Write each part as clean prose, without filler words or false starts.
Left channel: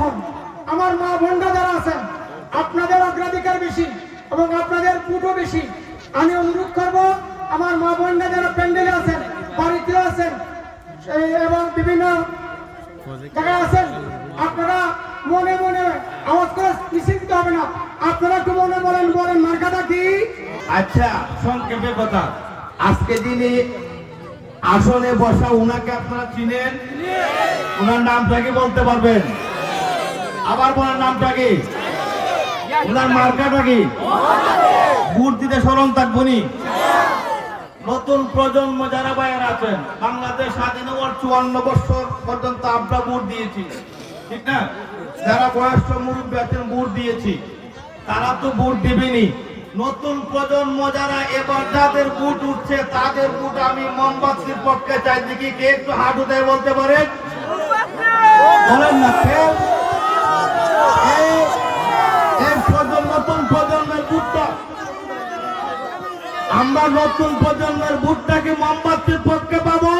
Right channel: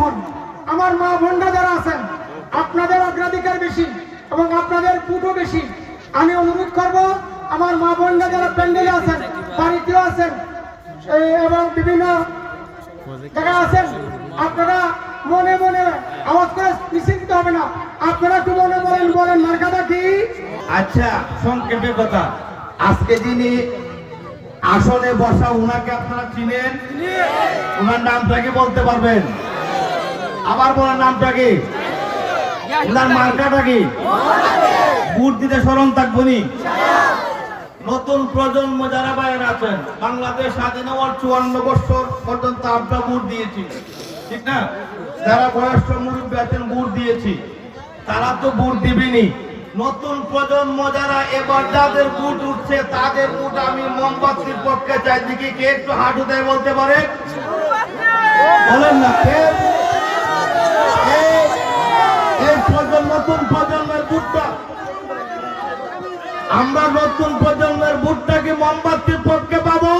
হন। আমার মা বোনরা যারা আছেন, আপনাদের অগ্রাধিকার বেশি এবং আপনাদের পুটও বেশি। আমি অনুরোধ করব, আমার মা বোনরা যারা প্যান্ডেলে আছেন, বাড়িতে আছেন এবং বিভিন্ন জায়গায় আছেন, আপনারা মনে মনে আওয়াজ করে মিছিল দিতে হবে না, আপনারা একটু মনে বলেন মার্কাটা কি। আচ্ছা, সংক্ষেপে কথা, আজকে যিনি আসনে বসা উনাকে আপনারা চিনেন? ওনার নামটা কি বলতে পারবেন? আবার ওনার নামটা কি? ওনার মার্কাটা কি? ভোট দিতে স্মরণ থাকবনি। নতুন প্রজন্ম যারা বাইরে আছেন, বাংলাদেশ স্বাধীন হওয়ার 54 বছর পর্যন্ত আমরা ভোট দিয়েছি, ঠিক না? যারা বয়স্ক মুরব্বী আছেন ভোট দিয়েছি, তারা তো ভোট দিবেনি। নতুন প্রজন্ম যারা এবার যাদের ভোট উঠছে, তাদের ভোট আমি মোমবাতির পক্ষে চাই। দেখি কে একটু হাত উঠাই বলতে পারে? বলেন না কে? নতুন প্রজন্মের ভোটটা, আমরা নতুন প্রজন্মের ভোটটাকে মোমবাতির পক্ষে পাবো।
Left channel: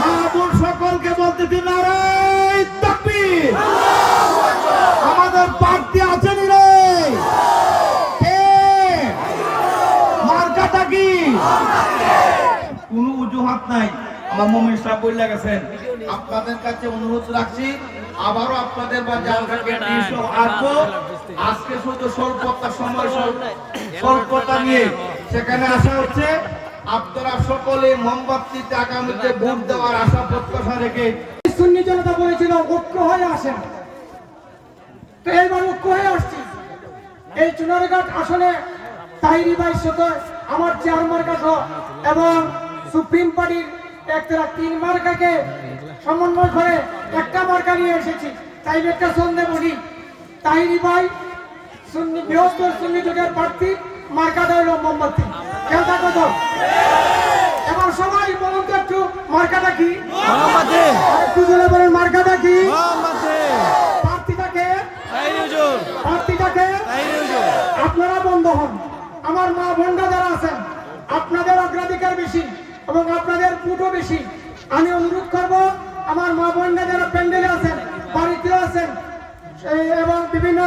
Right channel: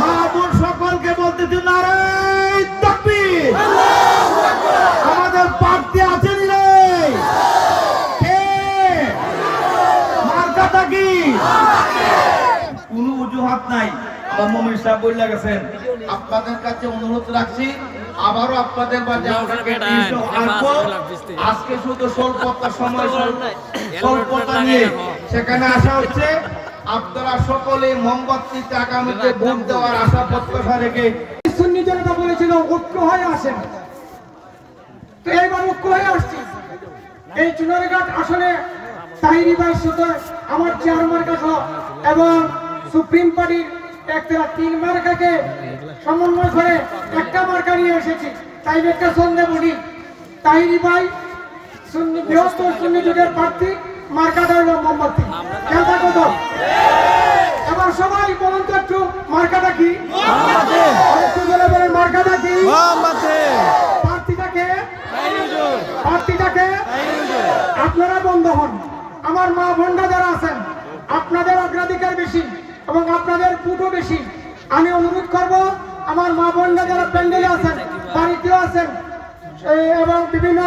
মা বোন সকলকে বলতেছি, নারায়ে তাকবীর। আমাদের প্রার্থী আছেন রে, মার্কাটা কি? কোনো অজুহাত নাই। আমার মুমিন সাহেব বলে গেছেন, আপনাদের কাছে অনুরোধ রাখছি, আবারও আপনাদের মাঝে আমরা আসবো। আজকে শুধু স্বল্পতা সময়, স্বল্পতা নিয়ে সেখানে আসা হচ্ছে। আপনারা সকলে মোমবাতিতে আগামীতে ভোট দেওয়ার আশা প্রত্যাশা রেখে। সুন্নি জনতা বলেছিল ঐক্য হয়ে আসেন, তো এইবার ঐক্য হয়ে আসছি। এই চুনারঘাট আসলে তাহিরি ভাই সাথে আমার চেয়ার মার্কা সহ এবং সুপ্রিম পার্টির একটা 3 মার্কাকে সমন্বয় করে একটা মার্কা নিয়ে এসেছি। তাই একটা সন্দেহ বলি, তাহিরি ভাই সুন্নি বৃহত্তর সুন্নি জোটের প্রার্থী, মার্কাটা হইল মোমবাতি। খেলটা কত? এবার সবাই বলুন তো একটু, মার্কাটা কি? একটু জোরে বলেন, মার্কাটা কি? প্রার্থীটাকে আপনারা বন্ধ হন। আমার মা বোনরা যারা আছেন, আপনাদের অগ্রাধিকার বেশি এবং আপনাদের পুটও বেশি। আমি অনুরোধ করব, আমার মা বোনরা যারা প্যান্ডেলে আছেন, বাড়িতে আছেন এবং বিভিন্ন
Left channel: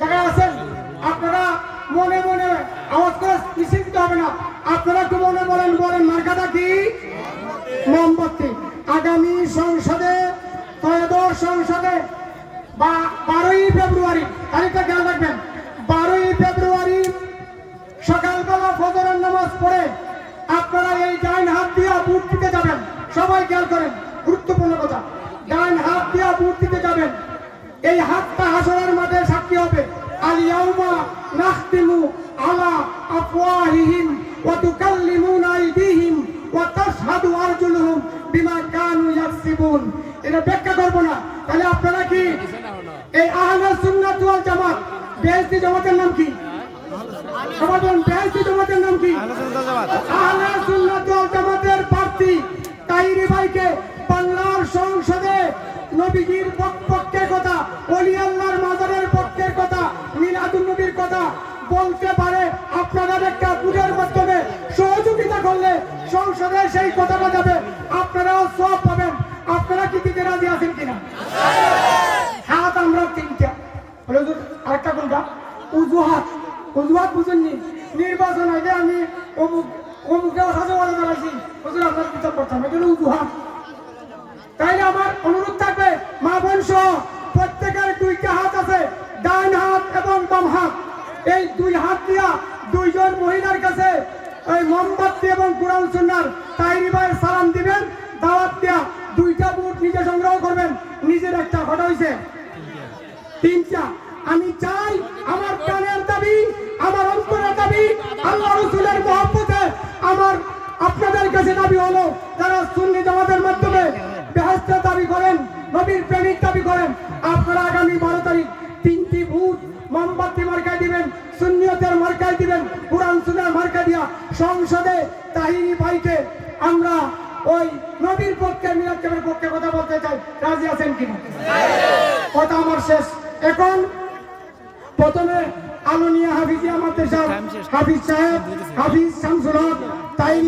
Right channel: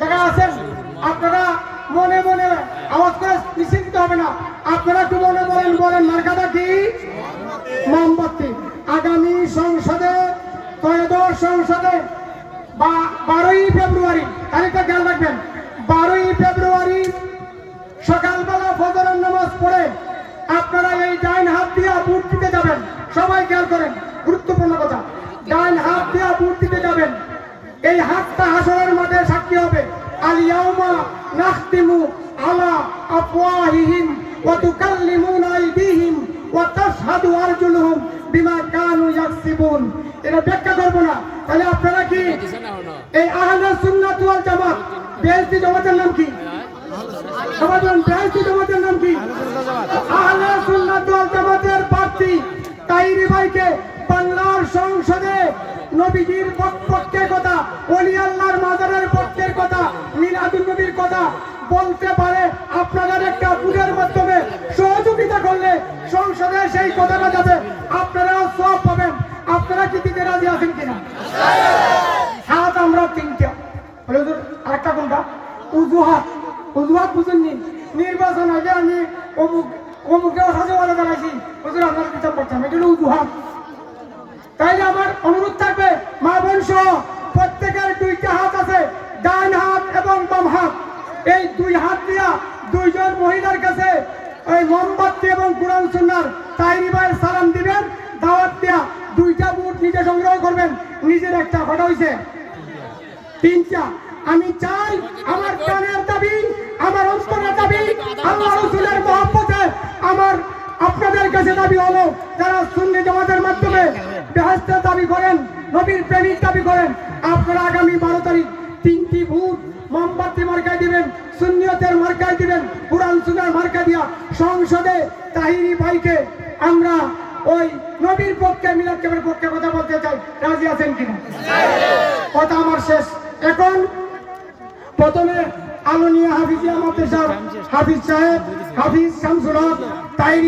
জায়গায় আছেন, আপনারা মনে মনে আওয়াজ করে মিছিল দিতে হবে না, আপনারা একটু মনে বলেন মার্কাটা কি? মোমবাতি। আগামী সংসদে, ত্রয়োদশ সংসদে 12ই ফেব্রুয়ারি, তারিখটা খেয়াল রাখবেন, 12ই ফেব্রুয়ারি সকালবেলা ফজরের নামাজ পড়ে আপনারা এই ডাইন হাত দিয়া ভোট দিতে যাবেন। সবাই খেয়াল করেন, গুরুত্বপূর্ণ কথা, ডাইন হাত দিয়া ভোট দিতে যাবেন। এই হাতটা হাসরের মাঠে সাক্ষী হবে। আল ইয়াউমা নাখতিমু আলা আফওয়াহিহিম ওয়া তুকাল্লিমুনা আইদিহিম ওয়া তাশহাদু আরজুলুহুম বিমা কানু ইয়াকসিবুন। এটা ব্যাখ্যা করব না। তাহলে আপনারা কি এই আহলে সুন্নাত ওয়াল জামাত, বিএনপি জামাতের নাম কি? সবাই বলেন, বিএনপি জামাতের নাম কি? আহলে সুন্নাত ওয়াল জামাতের প্রার্থী তাহিরি ভাইকে বাংলার সংসদে নবীজির পক্ষের কথা, ওলি আল্লাহর মাজারের পক্ষের কথা, মিলাদুন নবীর কথা বলতে পারে। আপনাদের একটা বুঝের মাধ্যমে সহযোগিতা করলে সংসদে সেই কথাটা যাবে, আপনারাও সব পাবেন। আপনারা কি দিতে রাজি আছেন কিনা? হাত আমরা 3টা। আরেকটা কোনটা? উজুহাত। উজুহাত বুঝেননি? নির্বাচন আগে আমি অমুকে সাজওয়ালা দাঁড়াইছি, হুজুর আপনার বিচার করতাম, এটা হলো উজুহাত। তাইলে আমার অনুরোধ থাকবে, মা বোন সহ প্রত্যেকের 2টা হাত আছে, ডান হাত এবং বাম হাত। এই 2 হাত দিয়া 2 জন মহিলার কাছে ওই মোমবাতি এবং কুরআন সুন্নাহর তাহিরি ভাইয়ের সালাম দিবেন, দাওয়াত দিয়া 2টা ভোট নিজে সংগ্রহ করবেন। নিজের একটা কথা হইছে 3টা। আমি চাই, আমার প্রাণের দাবি, আমার অন্তরের দাবি, আল্লাহ রাসূলের মহব্বতে আমার আপনাদের কাছে দাবি হলো, যারা সুন্নি জামাতের মাধ্যমে বেহেশতের দাবি করেন, নবীর প্রেমিক দাবি করেন, আপনারা আগামী 12 তারিখ 3টি ভোট মোমবাতি মার্কায় দিবেন, সুন্নিয়তের মার্কায় দিবেন, কুরআন সুন্নাহর মার্কা দিয়া সংসদে তাহিরি ভাইকে আমরা ওই নবীর পক্ষে, মিলাদ কেবলের পক্ষে কথা বলতে চাই। রাজি আছেন কিনা? কথা আমার শেষ। এখন প্রথমে আলোনিয়া হাফিজিয়া মাদ্রাসার হাফিজ সাহেব, হাফিজ শামসুল হক তাহিরি